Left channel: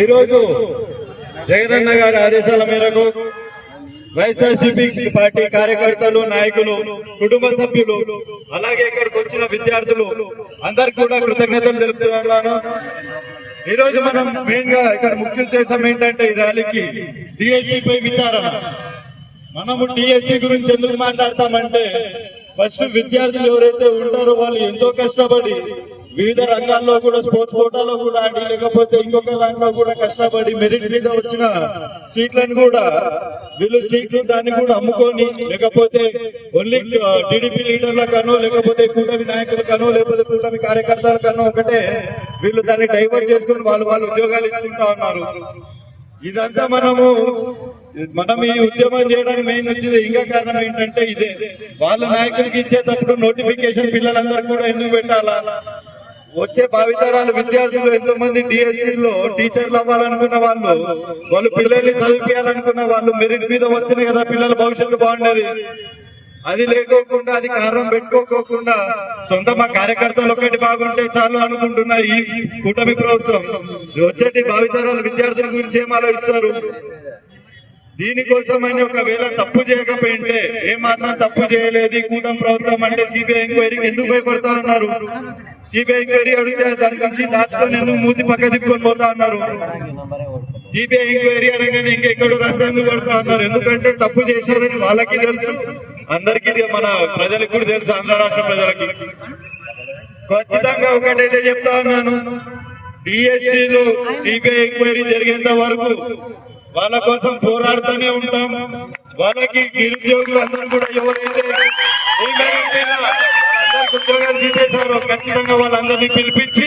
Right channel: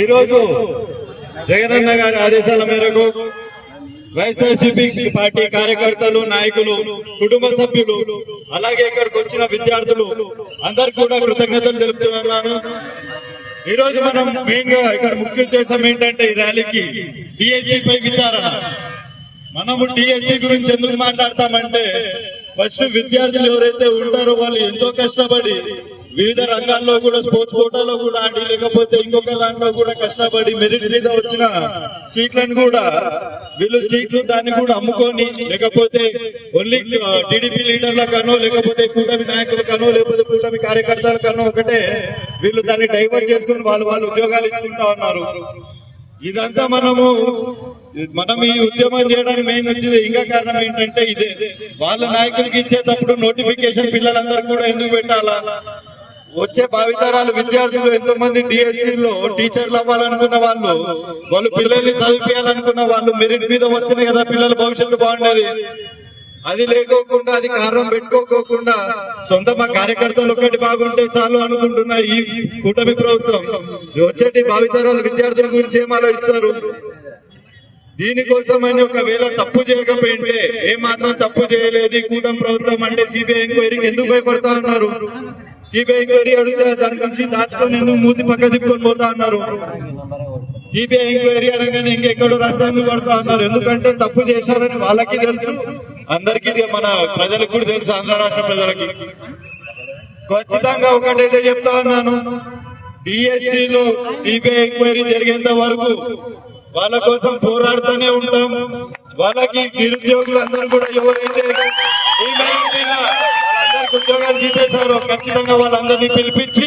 ఈరోజు జగనన్న గారి ఆదేశాల మేరకు వైఎస్ఆర్సీపీ పార్టీ కార్యకర్తలు, నాయకులు, కుటుంబ సభ్యులు, అలాగే ఇక్కడికి వచ్చిన విద్యార్థులు అందరికి కూడా కృతజ్ఞతలు తెలుపుతున్నాను. ఈ రోజు మనం మెయిన్ గా ఇక్కడ ముఖ్య ఉద్దేశం ఏంటంటే ఈ ర్యాలీకి డిఎస్సి పై విచారణ. మనము డిఎస్సి గురించి ఎందుకు మాట్లాడతామంటే ఫస్ట్ విద్యార్థులు ఎవరైతే ఉంటారో వాళ్ళు ఎంతో కష్టపడి వివిధ రంగాల్లో కూడా స్పోర్ట్స్ కోటాలో కూడా ఆడి, లేకపోతే ఇంకొక దాంట్లో కూడా కష్టపడి మెరిట్ మీద వచ్చిన సీట్లను కూడా వీళ్ళు సీట్లు దాన్ని కూడా అమ్ముకొని, లేకపోతే ఓన్లీ టీడీపీ లీడర్లకనో, లేకపోతే కూటమి నాయకులకనో, లేకపోతే కూటమి కార్యకర్తలకనో ఒకటే వీళ్ళు దాన్ని డైవర్ట్ చేసుకుని వాళ్ళు ఉద్యోగాలు ఇచ్చుకుంటా ఉన్నారు. ఇదంతా మనం ఈ ఉద్యమం చేయడానికి మెయిన్ వచ్చింది ఇంకా కారణం ఏంటంటే ఇదే. వాళ్ళ నాయకులకి ఇచ్చేటప్పుడు నోటిఫికేషన్ పిల్లలందరూ కూడా ఎందుకు పెట్టాలా? వచ్చే భావితరాలు విద్యార్థులు ఎంతో మంది డిఎస్సీలో టీచర్లు అవ్వాలనుకున్న వాళ్ళు పిల్లల్ని చదివించాలనుకున్న వాళ్ళు మెరిట్ మీద వస్తున్నాయి కదా పిల్లల భవిష్యత్తు బాగుండేది. అది లేకోకుండా, అది కారణం పెట్టుకోకుండా సొంత మా కార్యకర్తలు ఒకటి బాగుంటే చాలు అనుకుంటున్న ఈ కూటమి ప్రభుత్వం వచ్చేటి భావితరాల విద్యార్థుల గురించి ఏం ఆలోచిస్తారు? దీనికోసమని ఒకవేళ తప్పు చేయకపోయింటే, ఏమాత్రం తప్పు చేయలేదు ఈ కూటమి ప్రభుత్వం అంటే సిబిఐ ఎంక్వైరీకి ఎందుకు భయపడతా ఉన్నారు? సిబిఐ ఎంక్వైరీ అడిగితే దాని గురించి దాచుకొని ఎందుకు మూతి పక్క తిప్పుకొని పోతా ఉన్నారు? సిబిఐ ఎంక్వైరీ అనగానే ఇంకెక్కడో రాస్తే ఎందుకు పడతా ఉన్నారు? ఎందుకంటే తప్పు చేశారని వాళ్ళకి తెలుసు, అందరికీ మన ప్రజలకు కూడా తెలుసు, ఆంధ్ర రాష్ట్ర ప్రజలకి. ఖచ్చితంగా ఒకటైతే చెప్తా ఉన్నాను, డిఎస్సీలో సిబిఐ ఎంక్వైరీ జరిగేంత వరకు వాళ్ళ కోసం పోరాడుతూనే ఉంటాం. వాళ్ళకి నిరుద్యోగులందరూ కూడా ఎవరైతే ఉద్యోగాలు తీసేశారో ఖచ్చితంగా వాళ్ళందరినీ పిలిపించి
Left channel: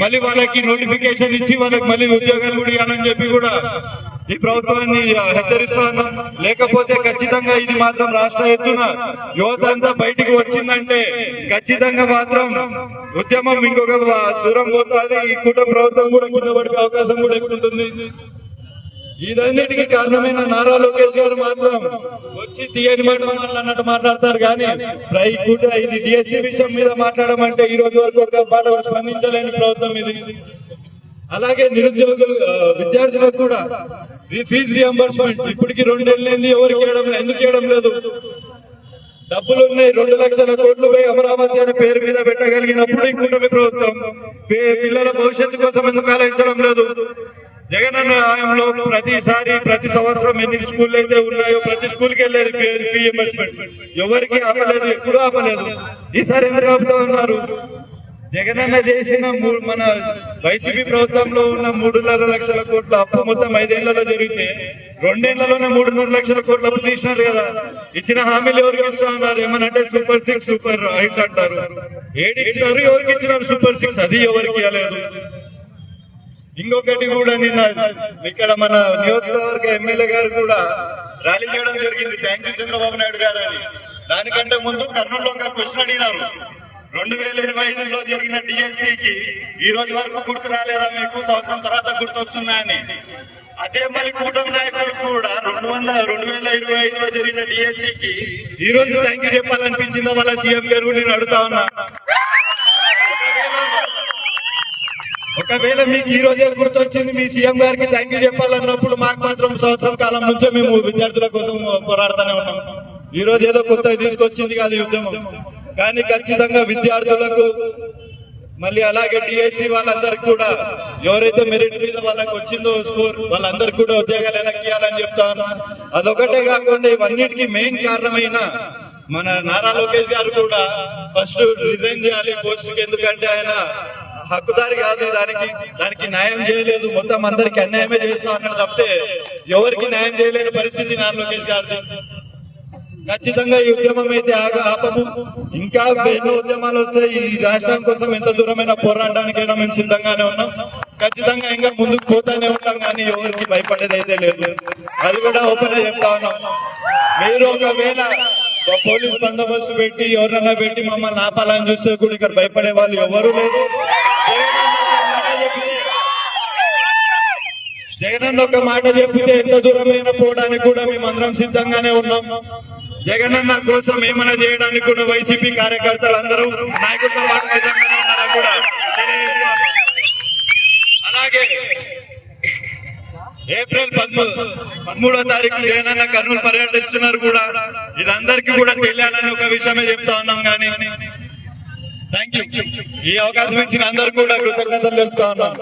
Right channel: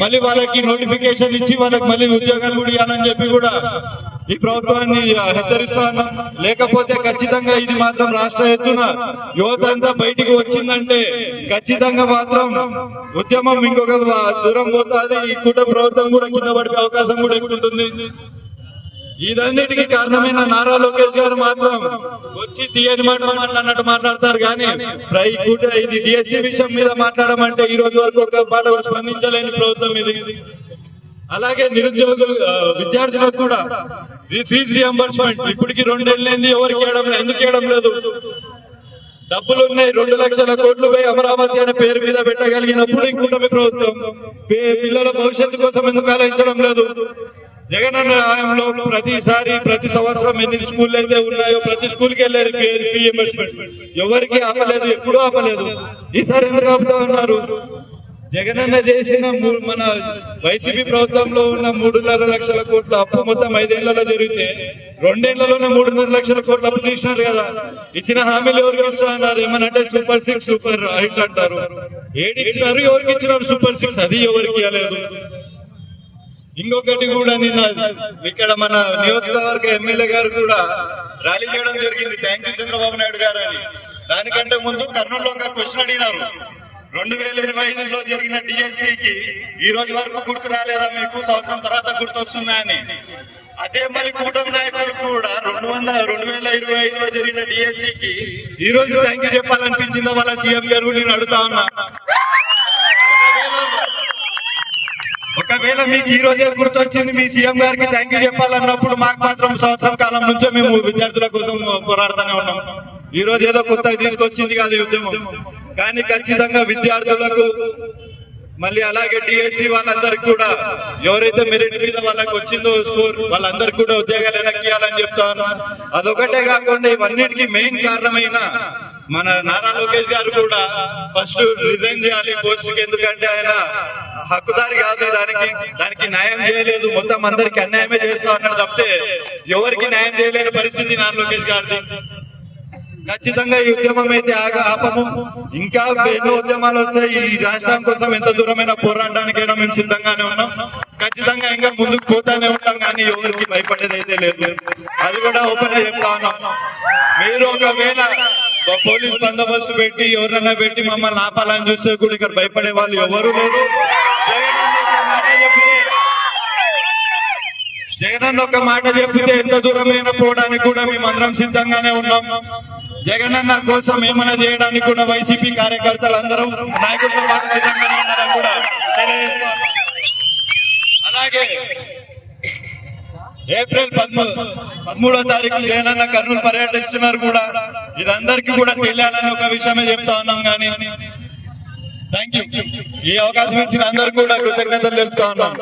మళ్ళీ వాళ్ళకి నోటిఫికేషన్ ఇచ్చి వాళ్ళకి మళ్ళీ ఉద్యోగాలు కూడా ఇవ్వాలని చెప్పి కూడా ఈ ప్రభుత్వాన్ని హెచ్చరిస్తా ఉన్నాం. లేకపోతే ఖచ్చితంగా ఇది మాత్రం రాష్ట్ర ఎత్తున యువత అంతా బయటికి వచ్చిందంటే ఖచ్చితంగా మాత్రం ఉద్యమం ఇంకొక దూరం పోతుంది. ఈ కూటమి ప్రభుత్వం కూడా కింద పడే అవకాశం కూడా ఎక్కువ ఉంటుంది. ఇదన్నిటికీ కారణమైన నారా లోకేష్ గారు మాత్రం వచ్చి తీయని మాటలు మాట్లాడినట్టు మాట్లాడతారు. కానీ ఇది డిఎస్సీ విషయం మీద మాట్లాడమంటే ఈ రోజు వరకు ఒక మాట స్పందించలేని ప్రభుత్వం ఇది. అలాగే నిరుద్యోగులు విద్యార్థులకు కూడా ఫీజు రియంబర్స్మెంట్ ఇప్పటికి 2 ఏళ్ళైంది, ఎవరికి ఎందుకు ఇవ్వడం లేదు? డబ్బులు ఉన్నాయి, 2 లక్షల కోట్లు పోయి అమరావతి అనే పేరు మీద పెట్టగలిగినప్పుడు ఈ కూటమి ప్రభుత్వం పిల్లల భవిష్యత్తు కోసం ఎందుకు ఆలోచించడం లేదు? జగనన్న హయాంలో ప్రతి సంవత్సరం ఎన్ని స్కూళ్ళు అయితే ఉన్నాయో ప్రతి స్కూల్కి వెళ్ళేది ఫీ రియంబర్స్మెంట్. ఎవరికి ఆపలేదు, ఎప్పుడూ ఆపలేదు. ఈసారి ఎందుకు ఆపుతా ఉన్నారు? జగనన్న చేసిన మన వైసీపీ ప్రభుత్వంలో ఉన్న 3.5 లక్షల కోట్ల అప్పు మొత్తం 5 ఏళ్లలో జరిగితే 2 ఏళ్లలోనే 3.5 లక్షల కోట్ల అప్పు తీసినారు కదా. ఇచ్చిన హామీలు ఎవరికి ఇస్తా ఉన్నారు? ఏమనంటే సూపర్ 6, సూపర్ 8 అంటారు. ఏడిచ్చినారు, ఎవరికి ఇచ్చినారు సూపర్ 6? అది ఎవరికి ఇవ్వలేదు. ఇంకొకటి కూడా నిన్న ఇక్కడ మన నియోజకవర్గ ఎమ్మెల్యే గారు కూడా ర్యాలీ చేయడం జరిగింది, థ్యాంక్ యూ చంద్రబాబు నాయుడు గారు అని. దానికంటే ముందు కర్నూలులో ఒక క్వశ్చన్ అడిగినారు, 2025లో జరిగిన డిఎస్సికి ఈ రోజు వరకు గుర్తు రాలేదా మీకు? సంవత్సరం తర్వాత గుర్తు వస్తుందా అని. అదే మరి కూటమి నాయకులు కూడా 2025లో జరిగిన డిఎస్సికి ఈ రోజు థ్యాంక్ యూ చెప్పాలనిపించిందో వాళ్ళ సీఎం గారు నేను అడుగుతా ఉన్నా. ఒకవేళ మీకు ఈ రోజే గుర్తొచ్చింది మీ సీఎం గారికి థ్యాంక్ యూ చెప్పాలన్నప్పుడు మాకు మాత్రం సంవత్సరం కాలం నుంచే మేము విద్యార్థుల కోసం పోరాడుతూనే ఉన్నాం. ఈ రోజు ఏదో కొత్తగా తీసుకొచ్చింది కాదు ఉద్యమం. కానీ ఖచ్చితంగా విద్యార్థులకు మళ్ళీ అలాగే డిఎస్సి వాళ్ళందరికీ కూడా ఎవరైతే మెరిట్ మీద వాళ్ళకి వచ్చిందో స్కోర్ వాళ్ళందరికీ కూడా ఉద్యోగాలు వెనక్కియాలని చెప్తాను. అదొకటే కాకుండా ఇవన్నిటికీ మెయిన్ కారణమైన మన నారా లోకేష్ గారు కూడా ఫస్ట్ రిజైన్ చేయాలి పోస్టుకి. ఎందుకంటే ఆయన హక్కుదారి కాదు, దానికి న్యాయం చేయలేదు, మొత్తం అందరికి అన్యాయమే చేస్తా అన్నాడు తప్పితే ఎవరికి న్యాయం చేయలేని పరిస్థితి నారా లోకేష్ గారిది. ఖచ్చితంగా ఈ ఉద్యమం అయితే ఆపము. ఇంకా ఎన్నో ఉద్యమాలు వస్తాయి. ఈ రాష్ట్రం కోసం ఎంత దూరమైన పోరాడడానికైనా మేము సిద్ధంగానే ఉన్నాం. ఖచ్చితంగా ఇంకా ముందుకు పోతానే ఉంటాం, కానీ ఎవరికి భయపడేది అయితే లేదు. అది కూడా ఓపెన్ గా చెప్తా ఉన్నాం. మీరు ఒకవేళ పోలీస్ బందోబస్తు పెట్టి ఎవరైనా పెట్టి మమ్మల్ని ఆపాలని చూస్తే కూడా ఇక్కడ భయపడే వాళ్ళు ఎవరు లేరు. జగనన్న ఒక మాట చెప్పితే ఎంత దూరమైన పోవడానికి కూడా మేమందరం సిద్ధంగానే ఉన్నాం. జగనన్న కోసం ఏమైనా చేయడానికి కూడా వైసీపీ కార్యకర్తలు అందరూ నాయకులతో పాటు సిద్ధంగానే ఉన్నారని కూడా తెలియజేస్తాం. అలాగే ఏప్రిల్ 13వ తారీఖు జగనన్న కర్నూలు పర్యటిస్తున్నారు కూడా. ఇది అందరికీ కూడా తెలియాలని ఒక విషయమే చెప్తా ఉన్నాం. కానీ థ్యాంక్ యూ. ఈ అవకాశం ఇచ్చిన అందరికీ కూడా కృతజ్ఞతలు చెప్తా ఉన్నాం.